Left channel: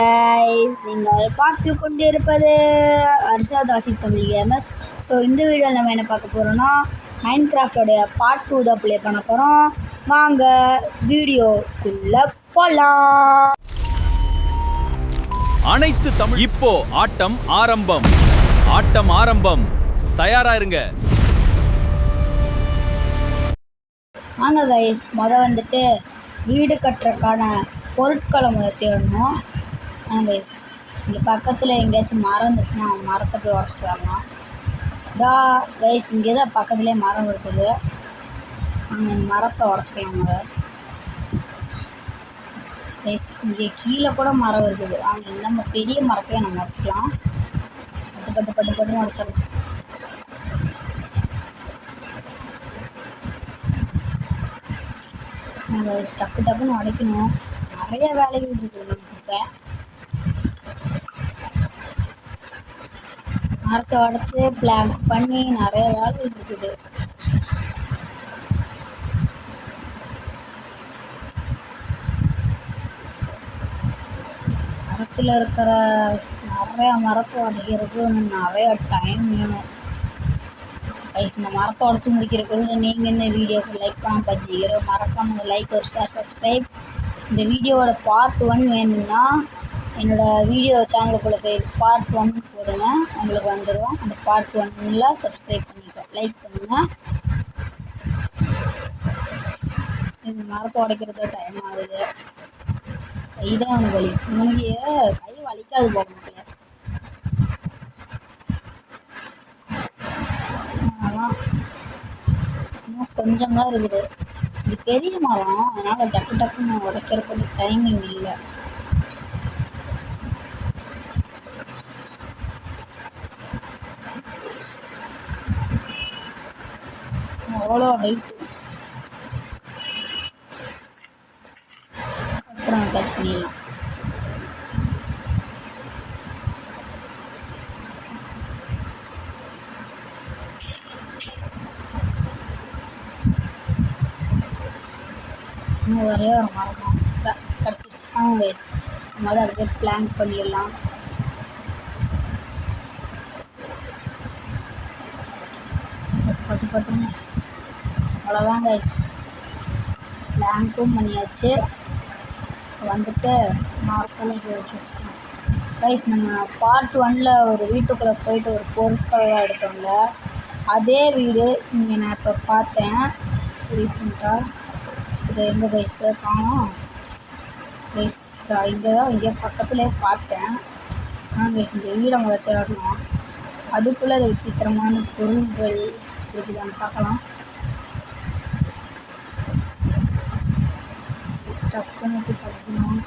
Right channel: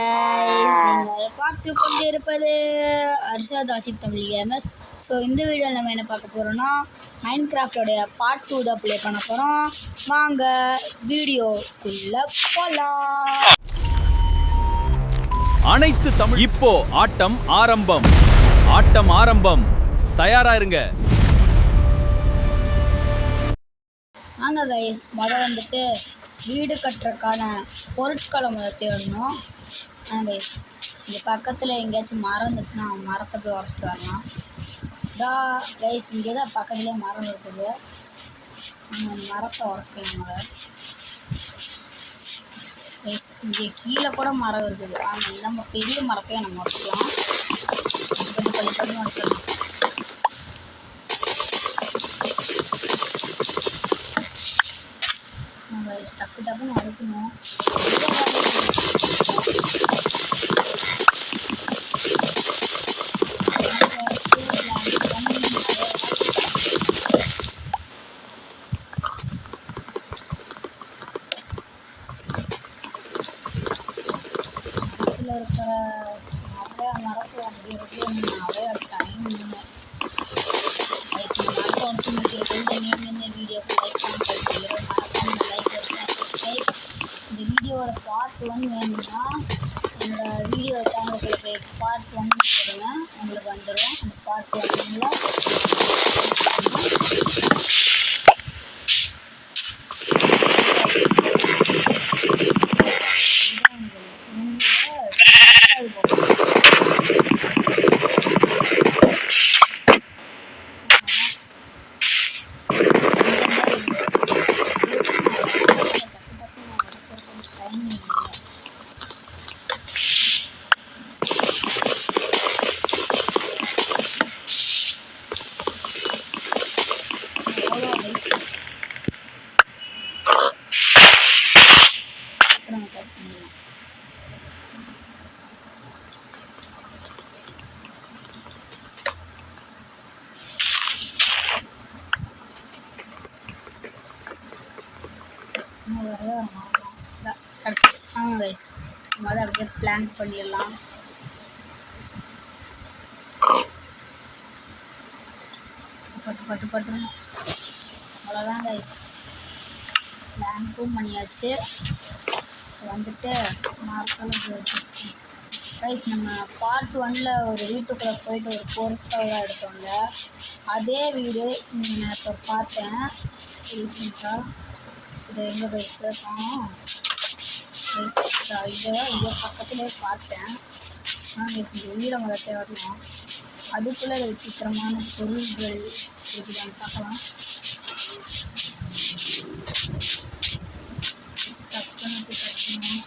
நீங்கள் பார்த்து கொண்டு இருப்பது அர்ஷாத் ஆசிப் தமிழ் கேமர்ஸ். ஸோ இந்த வீடியோவில் நம்ம என்ன பார்க்க போகிறோம்னா மைன்கிராஃப்டோடைய பார்ட் 2 தான் ப்ளே பண்ண போகிறோம். வாங்க வீடியோக்குள்ளே போகலாம். அனைத்து தமிழ் இப்போ ஆட்டம் ஆரம்பம் தயாரா இருங்க. வாங்க கைஸ், வந்துட்டு வீடு கட்டுறதுக்கான பொருட்களை தேடணும். கைஸ், இந்த பக்கத்தில் எங்கேயாச்சும் மரம் இருந்துச்சுன்னா மரத்தை போய் உடச்சிட்டு வரலாம். கைஸ், இங்கே தான் பக்கத்துலேயே மரம் இருக்குது. மரத்தை உடச்சிக்கலாம். கைஸ், இங்கே கீழே கூட மரம் இருக்குது. அங்கே நம்ம பெரிய மரத்தையும் நம்ம உடச்சிக்கலாம். பண்ணி உடச்சிடலாம். டக்குன்னு உடைக்கணும். மரத்தை உடச்சி பிளான் பண்ணி நிறைய வேலை இருக்குது. மரத்தில் இருக்கிற நிறையா மரத்தை உடைக்கிறது நிறைய டைம் வேணும். இந்த மரத்தை உடச்சி முடிக்கிறதுக்கு நீங்கள் என்ன வீடியோக்கு லைக் பண்ணுறீங்க, மறக்காம லைக் ஒரு ஷேர் சப்ஸ்கிரைப். இந்த வீடியோவோட பார்ட் 1 வேணும்னா என்னோடய வீடியோ சேனலுக்குள்ள போய் பார்ட் 1 போடுங்க, உங்களுக்கு வந்துடும். அந்த பார்ட் 1ல் சப்ஸ்கிரைப் பண்ணுங்கள். இதான் வழி. உனக்கு பார்க்கணும். தெரியுமா, அதனால் டக்குன்னு உடைக்கிறதுக்கு டைமிங் இல்லை. அவ்வளோ ஹைட். அப்புறம் டச் பண்ணிடலாம். ஒரே ஒரு மரம் கிடச்சிச்சு. கைஸ், மரம் அப்படியே பிளாங்க் பண்ணிடலாம். பட்டுன்னு அவ்வளோதான் கைஸ், பிளாங்க்கும் பண்ணியாச்சு. வந்துட்டு மரத்தில் கைஸ், நம்ம பார்ட் 1ல் ஒரு வீட்டுக்குள்ளே போயிட்டு ஒரு பொருட்கள்லாம் எடுத்தோம்ல, அதே வீடு இங்கே நான் இப்போ பார்த்தேன் ரீசெண்டாக. இது எங்கே கைஸ் காணும்? கைஸ், இங்கே பக்கத்துலேயே பார்த்தேன். கைஸ், இந்த வீடை முதல் தேடணும். அதுக்குள்ளே விசித்திரமான பொருள்கள் இருக்குதான்னு பார்க்கலாம். டக்குன்னு கிடைக்கணும்.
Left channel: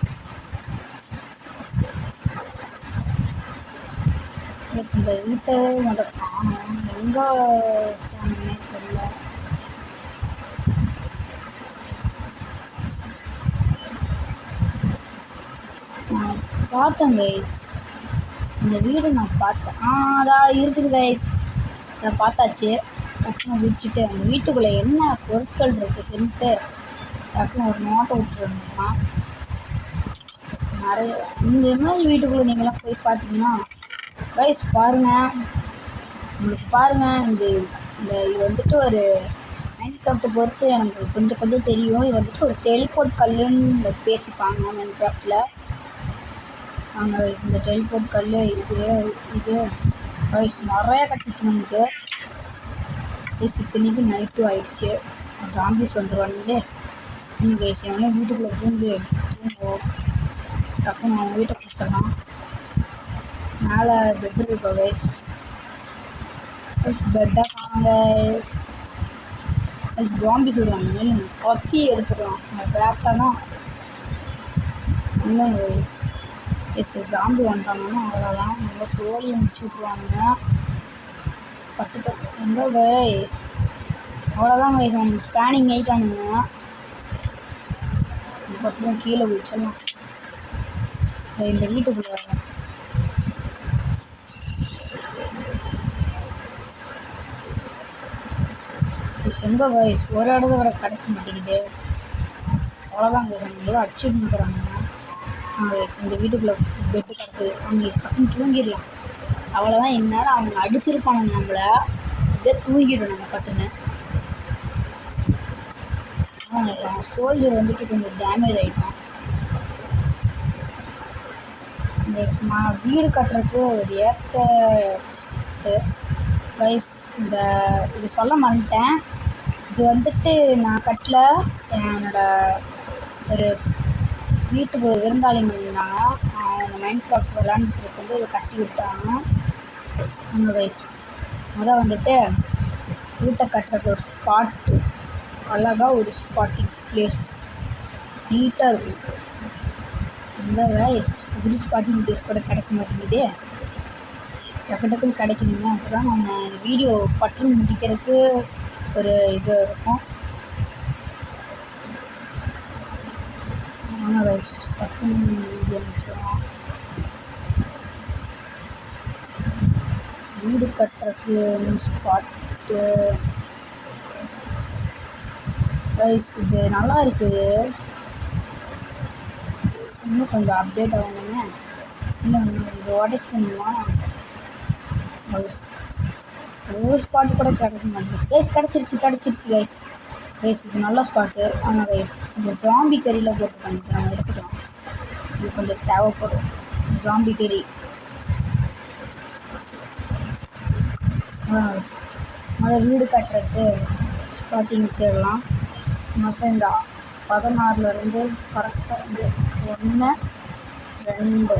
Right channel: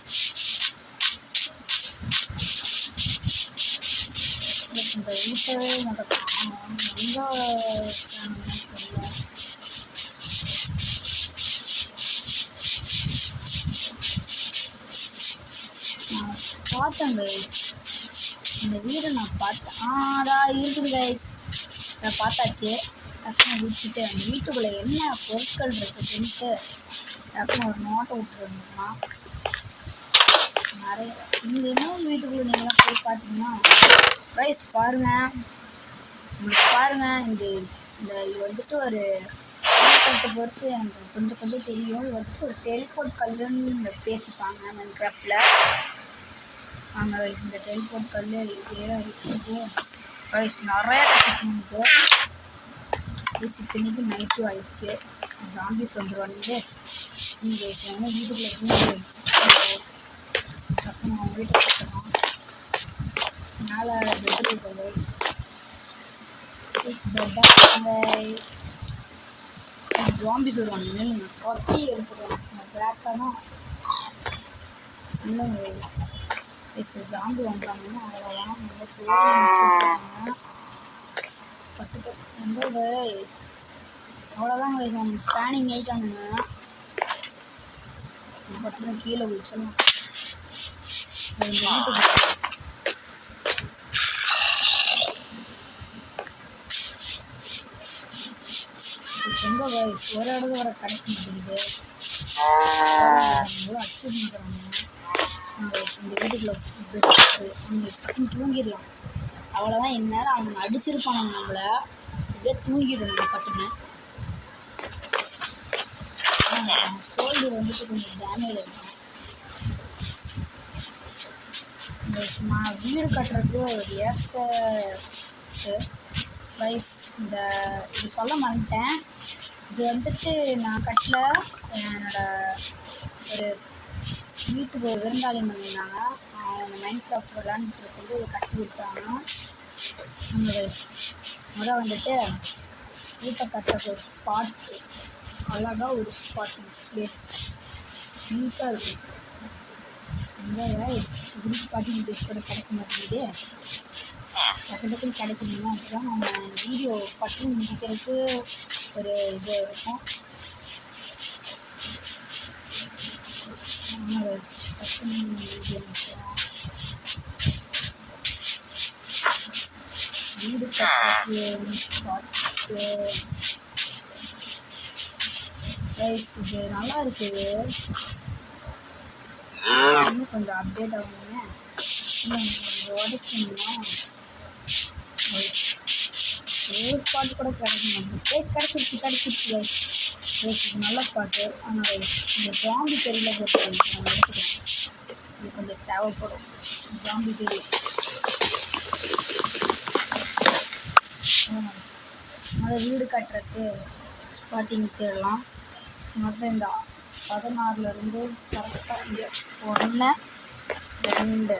இந்த வீட்டை முதல் காணும். எங்கே தெரியல. பார்த்தேன் கைஸ், இந்த வீடு நான் பார்த்தேன். அதான் இருக்குது கைஸ், நான் பார்த்தாச்சு. டக்குன்னு குடிச்சிட்டு அந்த வீட்டுக்குள்ளே என்ன பொருட்கள் இருக்குதுன்ட்டு டக்குன்னு ஒரு நோட்டை விட்டுருந்தோம்னா நிறைய. இந்த இன்னொரு வீட்டுக்குள்ளே நீங்களாம் போய் பார்த்தீங்கன்னா கைஸ் பாருங்கள், இந்த இது வந்துட்டு ஒரு கட்டு பொறுத்து எனக்கு கொஞ்சம் தெரியும். இது வந்துட்டு ஒரு டெலிபோர்ட் கல்லுன்னு பேசிப்பாங்க மைன்கிராஃப்டில். வாங்க கைஸ், இந்த டெலிபோர்ட் கல் இது கைஸ் நிறையா கிடச்சிச்சு நமக்கு. இத்தனைக்கு நைட்டும் ஆயிடுச்சு. ஜாம்பிஸ் வந்துடுவானுங்களே. கைஸ், எவனே வீட்டுக்குள்ளே பூந்து டக்குன்னு அவங்க வீட்டை கொடுத்துடலாம். மேலே பெட் இருக்கோம் கைஸ். பெட்டாக ஜாம்பிஸ் விடுவாங்க. கத்தி எடுத்துக்கலாம். பேக்டானா இல்லைங்க கைஸ். ஜாம்பி வந்துட்டாங்கன்னா அவ்வளோதான், நல்லா சோழி முடிச்சு விட்ருவாங்க. எங்கே கைஸ், அவ்வளோதான் கைஸ். அவனுக்கு ஸ்பேனிங் ஆகிட்டானுங்க. அதுக்கப்புறம் கீழே குடிச்சிடலாம். இந்த வீட்டுக்கு எங்கே கைஸ், ஒரு இடத்துல வர கிடைக்க மாட்டேங்குது. அடிச்சு நிற்கிறாங்க. இந்த வீட்டுக்குள்ளே பெட் இருக்குது, அவங்க பக்கம் தூங்கிடலாம். அவ்வளோதான். இந்நேரம் அவங்க அடிச்சிருப்பானுங்க நம்மளை, அப்படியே தூங்கிடும் நம்ம பட்டுன்னு. சோல்ஜர் வந்துட்டு கொஞ்சம் டேமேஜ் ஆகிட்டோம். இந்த வீடு கட்டுறதுக்கு ஒரு ஏற்ற ப்ரைஸ் இது சொல்ல மாட்டேன். இது வந்துட்டு நான் கட்டல, என்னோடய ஒரு வீட்டுக்கு ஒரு விருந்தாளிங்க இருந்தாங்க, அவங்க மைண்ட் கிராஃப்ட் விளாண்டுட்டு இருக்கும்போது இதை கட்டி விட்டாங்க. அந்த ப்ரைஸ் அதான் வந்துட்டு வீட்டை கட்டுறது ஒரு ஸ்பாட்டு, அழகாக ஒரு ஸ்பாட்டிங் பிளேஸ் நீட்டாக இருக்கும். இந்த ரைஸ் இப்படி ஸ்பாட்டிங் பிளேஸ் கூட கிடைக்க மாட்டேங்குது, டக்குன்னு கிடைக்குதுங்க. அப்போ தான் நம்ம வீடியோ பட்டு முடிக்கிறதுக்கு ஒரு இது இருக்கும். ரைஸ் பட்டு வீடியோ முடிச்சிடலாம். வீடு கட்டுறதுக்கு ஸ்பாட்டு ரைஸ் இது நல்லா இருக்குது. இன்னும் கொஞ்சம் அப்டேட் ஆகணுமே, இன்னும் இது உடைக்கணுமா? ஒரு ஸ்பாட்டு கூட கிடைக்க மாட்டேங்குது. ரைஸ் கிடச்சிருச்சு ரைஸ். இது நல்ல ஸ்பாட்டு. ஆனால் ரைஸ் இந்த ஜாம்பி கறியில் போட்டு நம்ம எடுத்துக்கலாம். இது கொஞ்சம் தேவைப்படும் ஜாம்பி கறி. முதல் வீடு கட்டுறது ஸ்பாட்டிங் தேடலாம். மொத்தம் இந்த 16லேருந்து கரெக்டாக 1 2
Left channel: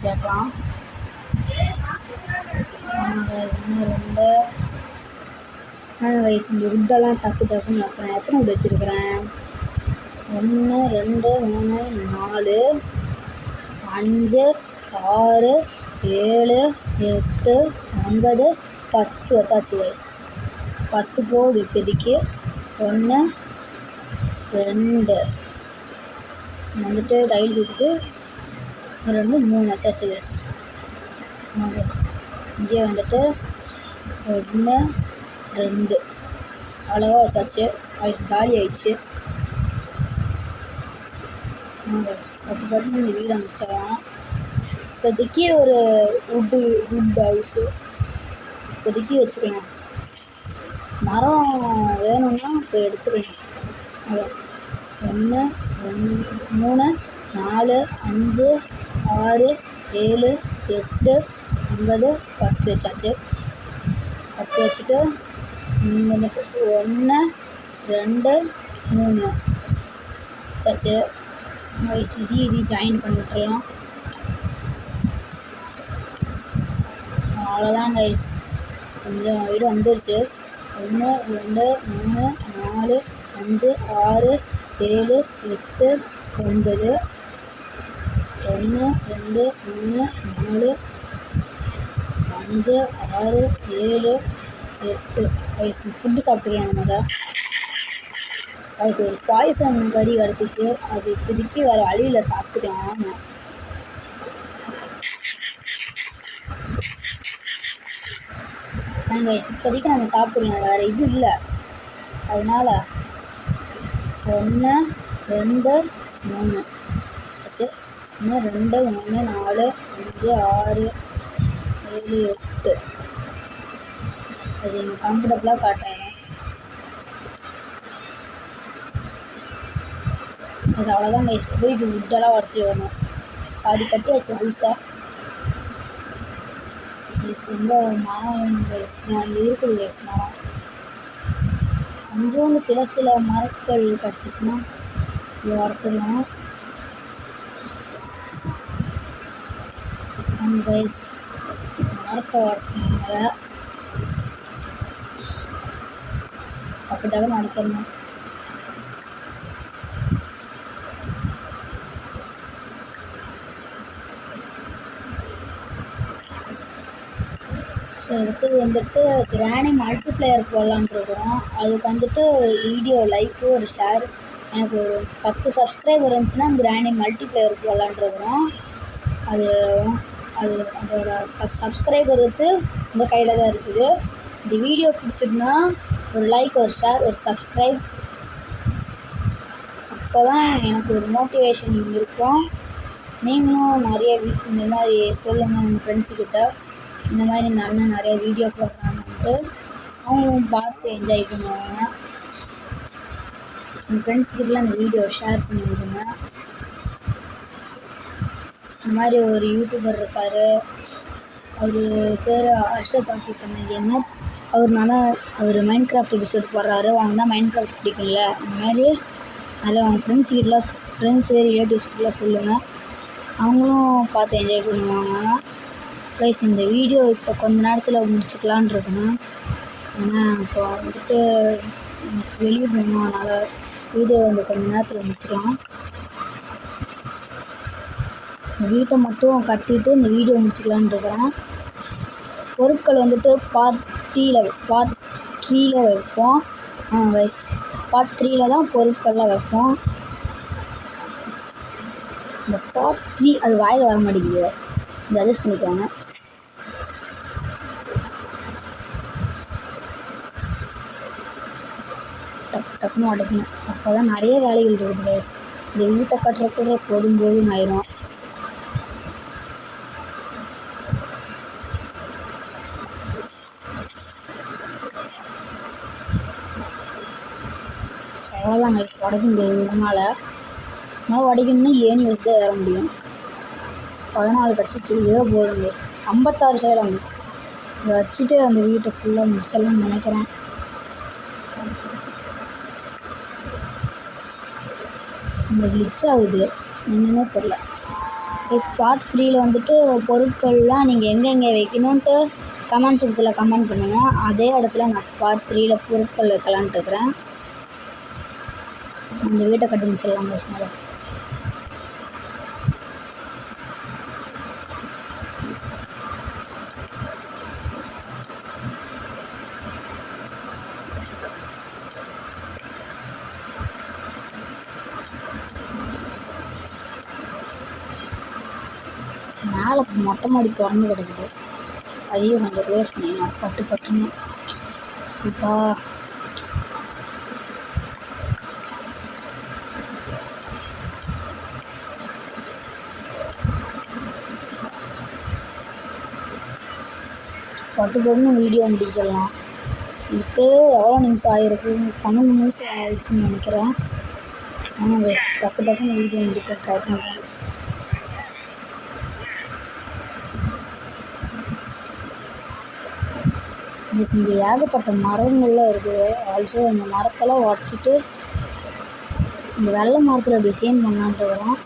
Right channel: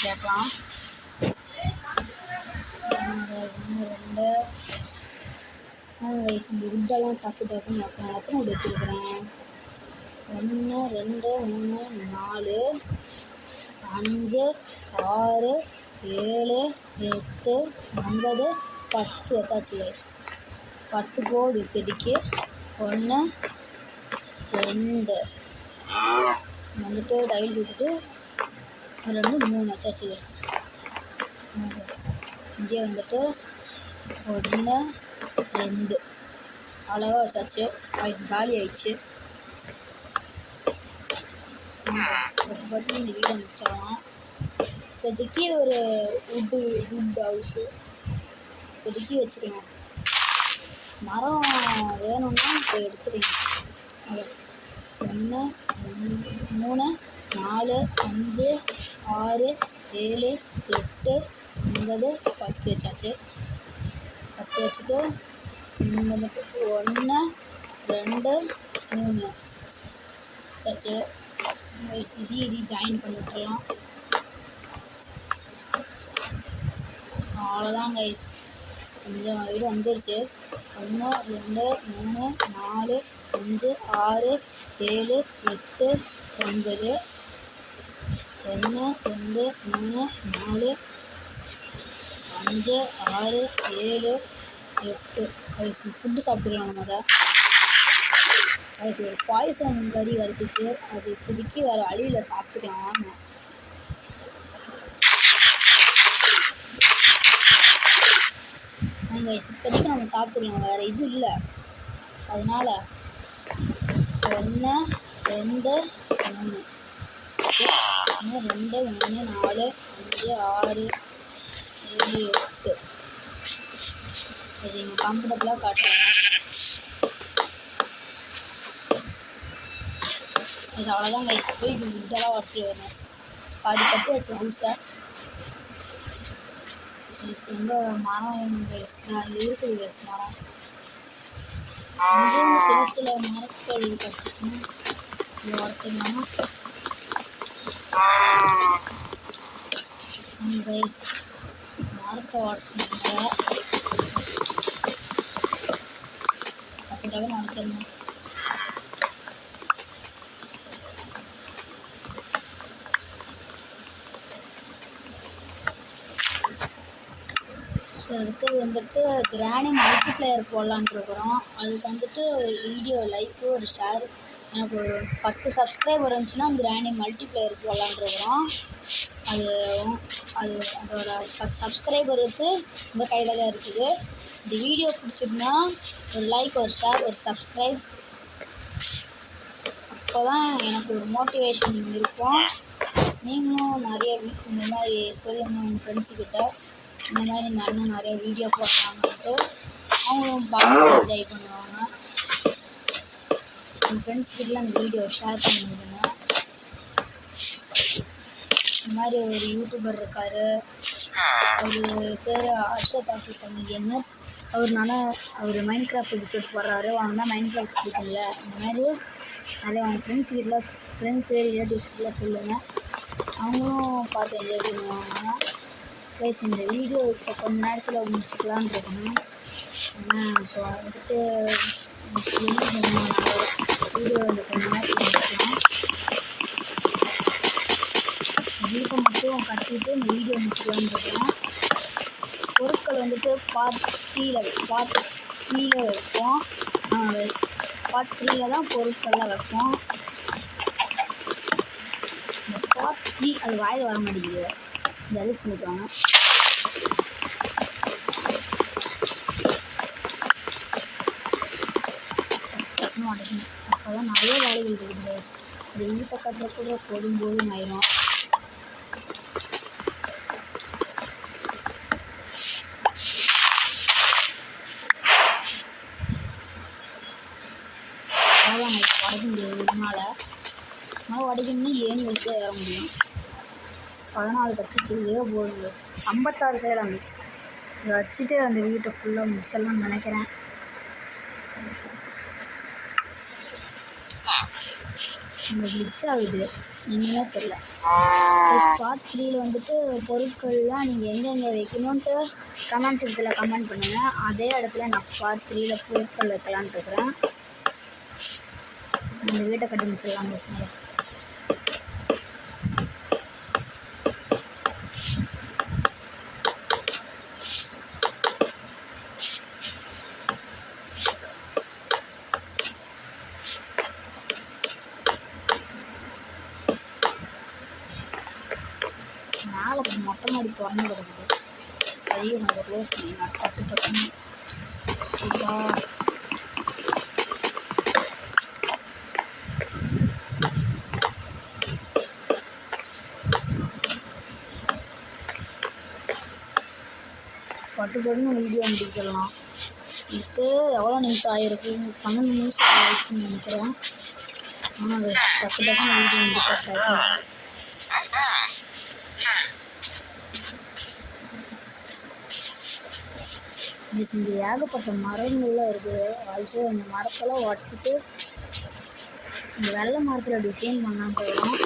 கேட்கலாம். 1 2 வயசு இந்த உட்டெல்லாம் டக்குன்னு வைப்பேன். எத்தனை உட் வச்சுருக்கிறேன்? 1 2 3 4 5 6 7 8 9 10 வச்சாச்சு வயசு. 10 போகுது இப்போதைக்கு. 1 2 வந்துட்டு டைல்ஸ் வச்சுட்டு 2 3 வச்சாச்சு வயசு. இங்கே வந்துட்டு 1 2 அழகாக வச்சாச்சு. வயசு காலி ஆயிடுச்சு. பட்டு இந்த வீடு அமைச்சிடலாம். இப்போதைக்கு ஒரு வுட் ஹவுஸு இப்போதைக்கு வச்சுக்கலாம். மரம் வேணும்னா இப்போ எடுத்துக்கலாம். அதான் 1 2 3 4 5 6 7 8 9 10 வச்சாச்சு. 10 வச்சுட்டு இங்கே மட்டும் 1 2 3 வச்சாச்சு. இது ஜாயின் பண்ணிவிட்டுலாம். அவ்வளோதான் கைஸ், கொஞ்சம் வீடு வந்துருச்சு. 1 2 3 4 5 6 7 8 9 1 2 3 4 5 6 7 8 கைஸ் ஃபுட்டு சாப்பிட்டுக்கலாம். நம்ம தான் கைஸ் ஒரு பாய்சன் கறி கிடச்சிச்சு. அது இப்போதைக்கு வேறு வழியில் சாப்பிட்டுக்கலாம். கைஸ் இப்போதைக்கு நம்ம சாப்பிட்லாம், வேறு இது இல்லை. அதனால் 1 2 3 1 2 3 4 5 6 7 8 அது எனக்கு கம்ஃபர்டபுளாக காட்டுறேன். அவ்வளோதான் கைஸ். வீட்டு விட்டெல்லாம் உடச்சிட்டு வரணும். பாதி கட்டி வச்ச ஹவுஸை எங்கே மரம் கைஸ் இருக்குது கைஸ். மரம் இங்கேயும் சில மரங்கள் கிடச்சிச்சுன்னா இதை உடச்சிடலாம். கைஸ் மரத்தை உடச்சினாங்க டக்குன்னு உடச்சிடணும். ஸோ அடுத்தது வந்துட்டு கிராணி மல்டிப்ளேயர் போடலான்ட்டு இருக்கிறோம். அதுக்கு வந்துட்டு வீடியோ லைக்கு ஒரு ஷேர், எனக்கு ஒரு 10 சப்ஸ்கிரைபர் இருந்துச்சுன்னா கிராணி மல்டிப்ளேயர் போடலான்ட்டு இருக்கிறோம். அதோட 10 சப்ஸ்கிரைபருக்கு இந்த கையில் தான் இருக்குது. இந்த வீடியோ பிடிச்சிருந்தா ஒரு லைக் ஒரு ஷேர் ஒரு சப்ஸ்கிரைப் அப்போ தான் எனக்கு ஒரு மோட்டிவேஷன் இருக்கும். நீங்களும் நிறைய இந்த மாதிரி சொல்லுங்கள் உங்கள் ஃப்ரெண்ட்ஸுக்கிட்ட, இந்த மாதிரி இந்த அண்ணன் நிறைய வீடியோ போடுறாங்கன்ட்டு. அவங்களும் பார்த்து என்ஜாய் பண்ணுவாங்க. உங்கள் ஃப்ரெண்ட்ஸுக்கிட்டலாம் இந்த வீடியோ ஷேர் பண்ணி விடுங்க. இந்த மாதிரி ஒரு யூடியூபர் இருக்கார், அவர் பேர் அர்ஷத் ஆசிஃப் கேமர்ஸ். அவர் மைண்ட் கிராஃப்ட் எபிசோட் போடுறாரு. அவங்க தான் மைண்ட் கிராஃப்ட் பிடிக்கும்ல. இந்த மாதிரி நிறைய அவங்க ஃப்ரெண்ட்ஸு ரிலேட்டிவ்ஸ்கிட்டலாம் சொல்லுங்கள். அவங்களும் பார்த்து என்ஜாய் பண்ணுவாங்க. கைஸ் இந்த வீடியோ இப்போ கொஞ்ச நேரத்தில் முடிச்சுக்கலான் இருக்கணும். ஏன்னா இப்போ வந்துட்டு வெளியிடணும், அதனால் வீடியோ வந்து கொஞ்ச நேரத்தில் முடிச்சுக்கலாம். இந்த வீட்டை மட்டும் கட்டிட்டு இந்த வீடியோ முடிச்சுக்கலான்னு இருக்கிறேன். பொருட்கள் வந்துட்டு பார்ட் 3ல் வைப்போம். பார்ட் 3ல் தான் பொருட்கள்லாம் வைப்போம். இந்த பார்ட் 3 அது வாயில் வர மாட்டேங்குது, இந்த அட்ஜஸ்ட் பண்ணிக்குவாங்க. டக்குன்னு உடைக்கணும். அப்போ தான் நிறைய வேலைகள் இருக்குது. இந்த வீட்டை கட்டுறக்குள்ள போதும் ஆயிரும். அவ்வளோதாங்க, உடைக்க முடியாது. இதனால் உடைக்கணும்னா ஏணி வச்சு ஏற முடியும். 14 கட்சிச்சு இதே போதுங்க. 56 சைடாங்க. இதை வச்சுட்டு அந்த வீட்டை ஃபுல்லாக முடிச்சிடலாம்னு நினைக்கிறேன். கிளிச் ஆகுது, என்னன்னே தெரில. பார்ட் 3ல் வந்துட்டு பொருட்கள்லாம் நீங்கள் எங்கெங்கே வைக்கணுன்ட்டு கமெண்ட் செக்ஷனில் கமெண்ட் பண்ணுங்கள். அதே இடத்துல நான் பார்ட் 3ல் பொருட்கள் வைக்கலான்ட்டு இருக்கிறேன். இந்த வீட்டை கட்டி முடிச்சிடலாங்க. சொன்னால மேலே மொட்டை மாடி திறந்து கிடக்குது, அதையும் கொஞ்சம் க்ளோஸ் பண்ணிடலாம். கட்டுப்பட்டுன்னு சூப்பராக பட்டுப்பட்டுன்னு வீடியோ முடிச்சிடலாம். இப்போ எவ்வளோ நிமிஷம் ஆகிருக்கு? 12 நிமிஷம் ஆகிடுச்சுன்னு நினைக்கிறேன். ஆனால் டக்குன்னு வீடியோ முடிக்க ட்ரை பண்ணுறேன். இங்கே ஏகப்பட்ட மரங்கள்லாம் இருக்குது. ஆல்சோ இந்த மரத்தெல்லாம் உடச்சிட்டு இந்த வெள்ளை மரத்தில் டிசைன் பண்ணான்ட்டு வரோம்.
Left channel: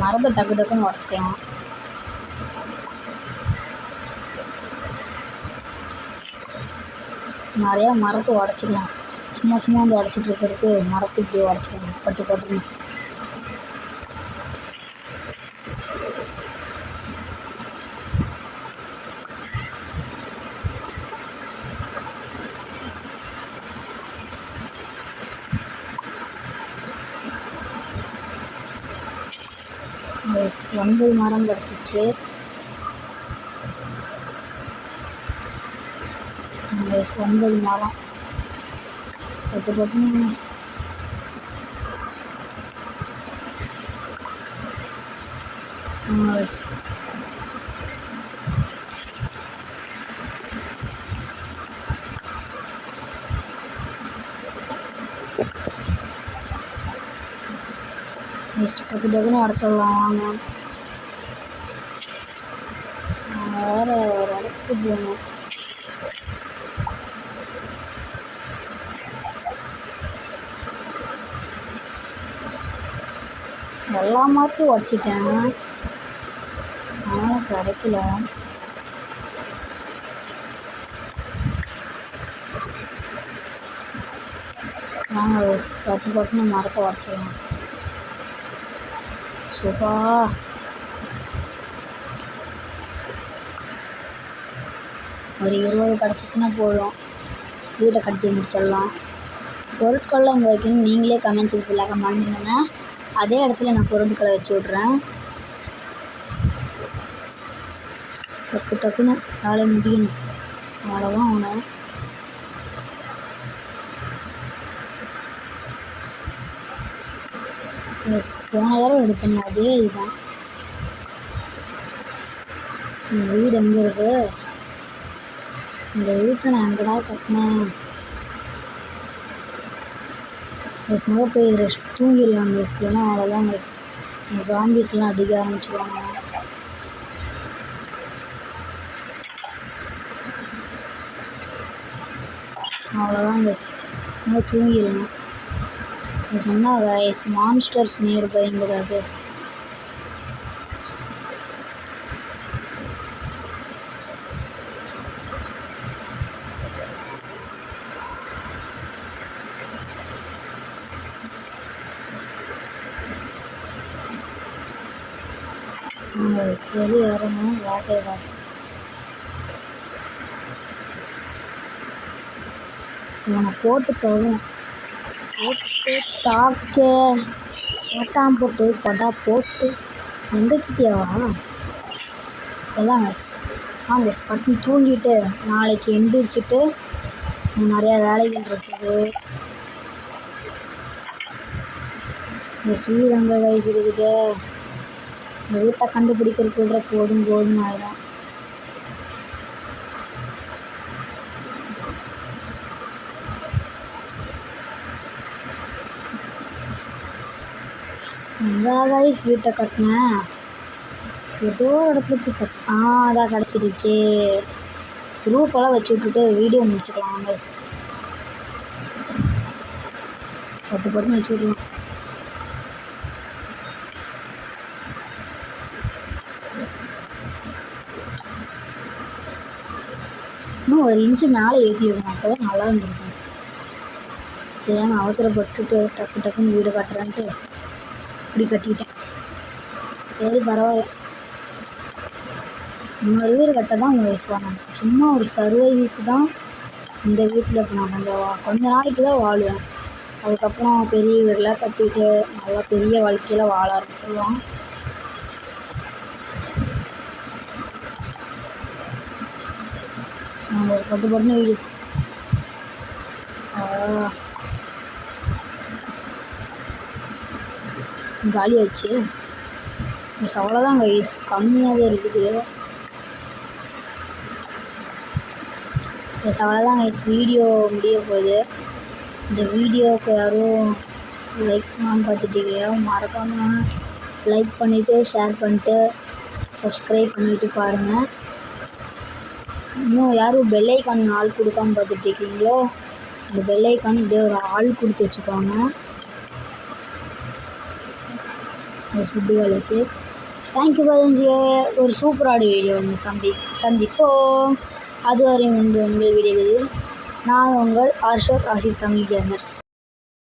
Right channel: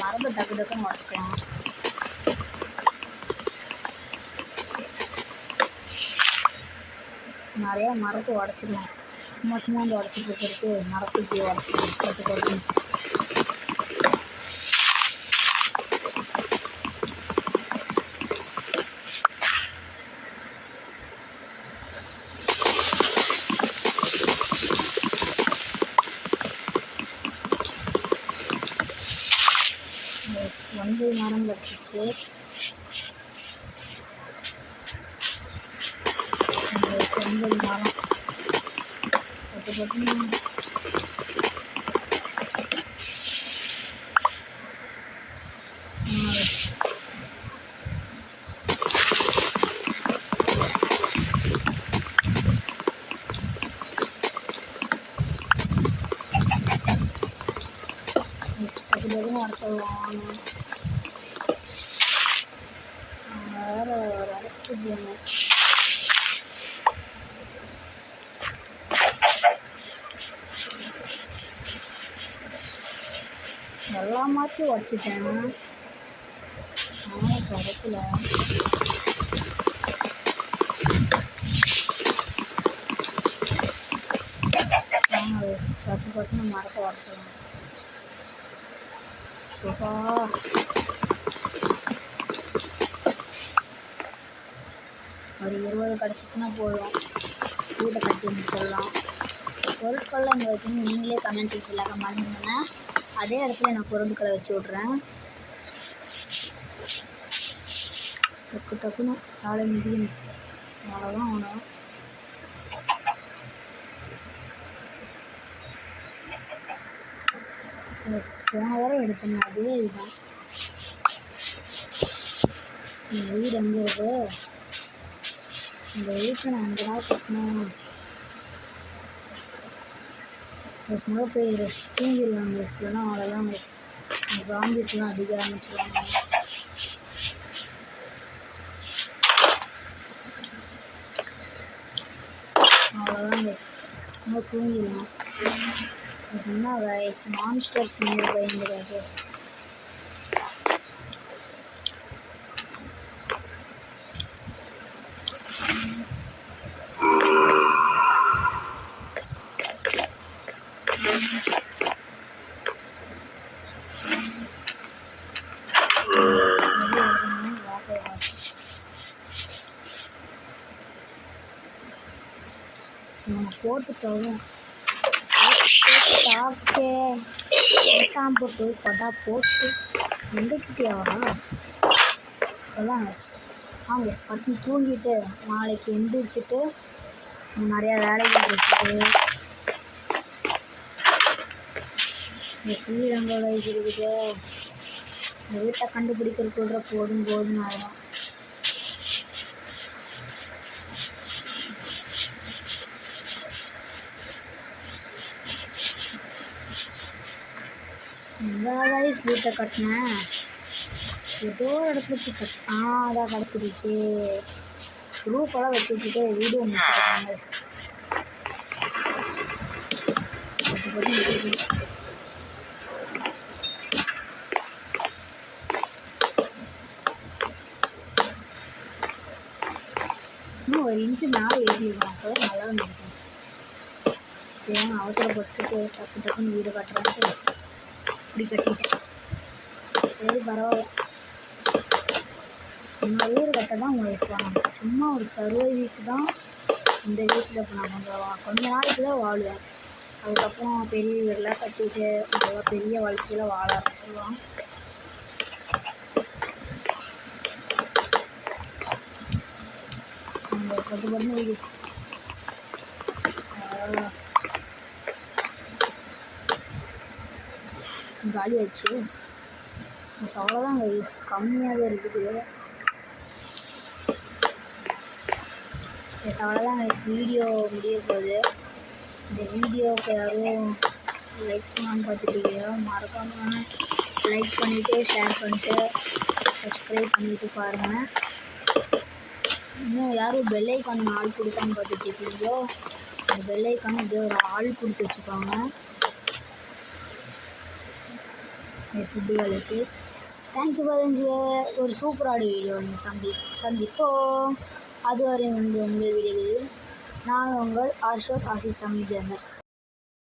மரத்தை டக்குன்னு உடச்சிக்கலாம். நிறையா மரத்தை உடச்சிக்கலாம். சும்மா வந்து உடச்சிட்டு இருக்கிறதுக்கு மரத்தை இப்படி உடச்சிக்கலாம். பட்டு ஒன்பது மரம் கிடச்சிச்சு. 9 மரம் பட்டுன்னு டக்குன்னு உடச்சிடலாம். வாங்க, வேறு ஒரு இடத்துக்கு போகணும். எல்லா மரத்தையும் உடச்சிட்டேன், ஆனால் கிடைக்கல. வாங்க பட்டுன்னு மரத்தை உடச்சிடலாம். சுபா ஒரு 20 கிடச்சிச்சின்னா போதும், வீட்டை கட்டி முடிச்சிடலாம். பொருட்கள்லாம் இங்கே வைக்கணும். நீங்களே கமெண்ட் செக்ஷனில் கமெண்ட் பண்ணுங்கள். அதே இடத்துல நான் பொருட்களை வச்சு விட்றேன். டக்கு டக்குன்னு வேலை முடியணும். அவ்வளோதான் அவனை. எஸ், போன தடவை எடுத்தேங்க அதே இதுதான். இந்த வீடு எங்கே இருக்கு? இந்த வீட்டை நான் எங்கே தான் கட்டினேன்? எஸ், முதல்ல போய் ரெஸ்ட் தூங்கிடலாம் மிஸ். இல்லைன்னா அவ்வளோதான் மிஸ். இந்த ஜாம்பிஸ்லாம் அடிக்க ஆரம்பிச்சிடுவாங்க. அவ்வளோதான் மிஸ். இன்னும் தூங்கிடலாம். சொன்னால் கைஸ் மான்ஸ்டர்ஸ் நியர் பயந்துடாது. வெளியே வரணும். வாட்டை இவனை போட்டு தொழும் தாக்க மாட்டான். போட்டு கொடா போட்டு எங்கக்கிட்டியாவா? எல்லாம் வாங்க பட்டு தூங்கிட்டு நாளைக்கு எந்திரிச்சிட்டு நிறையா வேலைகள் இருக்குது. இந்த வீடு அங்கே வயசு இருக்குது. இந்த வீட்டை கண்டுபிடிக்கிறதுக்குள்ள போதும் ஆகிடும். எங்கே கைஸ் வீட்டை கட்டினேன்? ஏதோ இடத்துல போய் அதான் கிடச்சிடுச்சு. ரூஃபெல்லாம் வச்சு விட்டுட்டு வீடியோ முடிச்சுக்கலாம் கைஸ். பட்டு வச்சுக்கலாம். இன்னும் ஒரு இன்ச்சு மேலே ஏற்றிருக்கணும். அப்போ தான் நல்லா இருந்திருக்கும். ஏன்னா அவசரப்பட்டுட்டு டக்குன்னு வீடு கட்டுறேன்ட்டு இப்படி கட்டிட்டேன். சரி பரவாயில்ல. இன்னொரு வீடு கட்ட தான் அவங்க யூஸ் பண்ணாங்க. சும்மா ஒரு சர்வைவுக்கு தான் இந்த வீட்டில் இப்போ நான் கொஞ்ச நாளைக்கு தான் வாழுவேன். அதுக்கப்புறம் பெரிய வீடெலாம் கட்டிட்டு நல்லா பெரிய வாழ்க்கையில் வாழ ஆரம்பிச்சிடுவான். அவங்க பட்டு வீடு காலி ஆச்சு. அவ்வளோதான் கைஸ், கம்மியாக தான் இருக்குது. அவ்வளோதான் கைஸ், வீடியோ முடிய போகுது. இந்த வீடியோவுக்கு யாரும் லைக் பண்ணாமல் பார்த்துட்டீங்க, மறக்காமல் லைக் பண்ணிவிட்டு ஷேர் பண்ணிட்டு சப்ஸ்கிரைப் பண்ணிவிட்டு பாருங்கள். இன்னும் யாரும் பெல்லைக்கான் ஆள் கொடுக்காமல் பார்த்துட்ருக்கீங்களோ அந்த பெல்லைக்கான் இப்படியே ஒரு ஆள் கொடுத்து வச்சுக்கோங்க. ஃபுட்டு வேலைச்சு. தேங்க்யூ பாருங்க. ஒரு சூப்பரான வீடியோ ஒன்று சந்திப்போம். அதுவரை உங்கள் வீடியோ நான் உங்கள் ஆர்ஷத் ஆசிப் தமிழ் கேமர்ஸ்.